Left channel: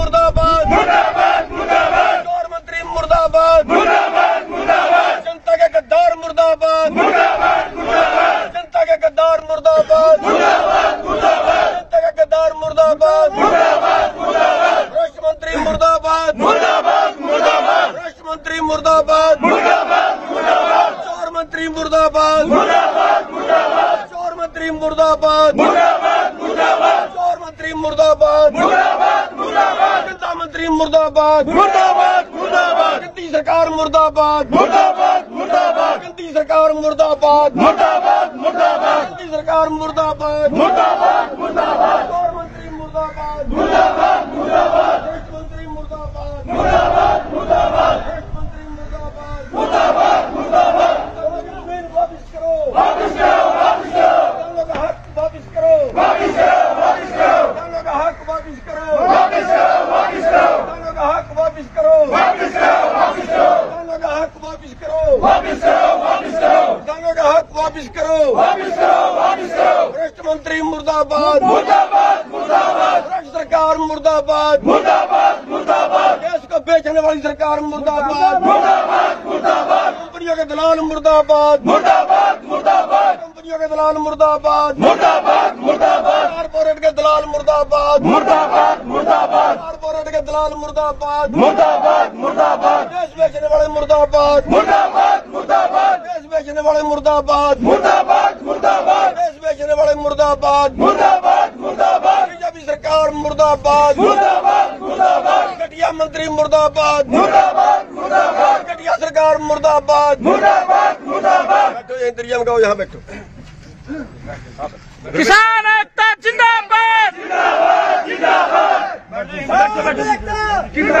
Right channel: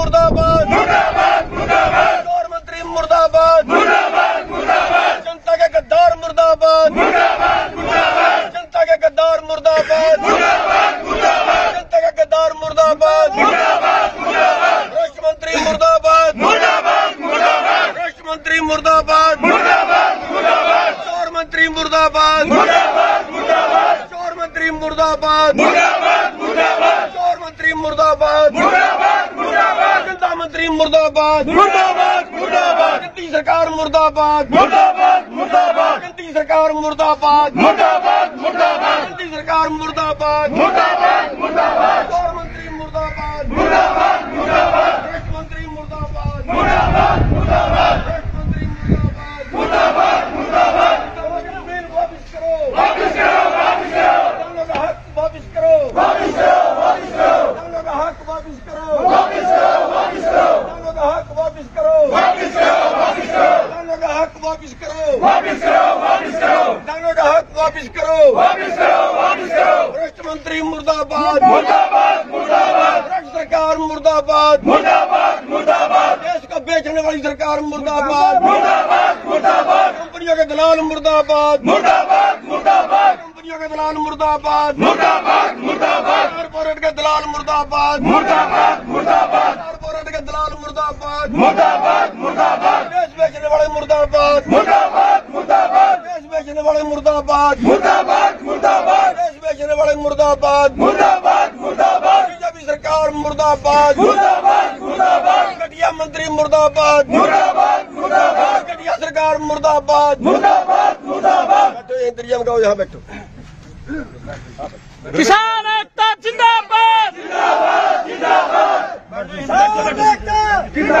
मुर्दाबाद, गौर मंत्री मुर्दाबाद, जनता के गद्दार मुर्दाबाद, जनता के गद्दार मुर्दाबाद, जनता के गद्दार मुर्दाबाद, राष्ट्र मंत्री मुर्दाबाद, राष्ट्र मंत्री मुर्दाबाद, चोर मंत्री मुर्दाबाद, चोर मंत्री मुर्दाबाद, चोर मंत्री मुर्दाबाद, जनता मंत्री मुर्दाबाद, गद्दी सरकार मुर्दाबाद, गद्दी सरकार मुर्दाबाद, गद्दी सरकार मुर्दाबाद, चोर मंत्री मुर्दाबाद, राष्ट्र मंत्री मुर्दाबाद, राष्ट्र मंत्री मुर्दाबाद, जमीन वापस करो, किसानों का हक वापस करो, किसानों का हक वापस करो, किसानों का हक वापस करो, किसानों का हक वापस करो, किसानों का हक वापस करो, भ्रष्ट मंत्री मुर्दाबाद, भ्रष्ट सरकार मुर्दाबाद, देश को बेचने वाली सरकार मुर्दाबाद, कंपनियों के दलाल मुर्दाबाद, कंपनियों के दलाल मुर्दाबाद, कारपोरेट के दलाल मुर्दाबाद, कारपोरेट के दलाल मुर्दाबाद, देश बेचने वाले मुर्दाबाद, देश बेचने वाले मुर्दाबाद, देश बेचने वाले मुर्दाबाद, बीजेपी सरकार मुर्दाबाद, घटिया मंत्री मुर्दाबाद, घटिया सरकार मुर्दाबाद, बैठो इंतजाम गाओ, यहाँ बैठो। किसान एकता जिंदाबाद, किसान एकता जिंदाबाद।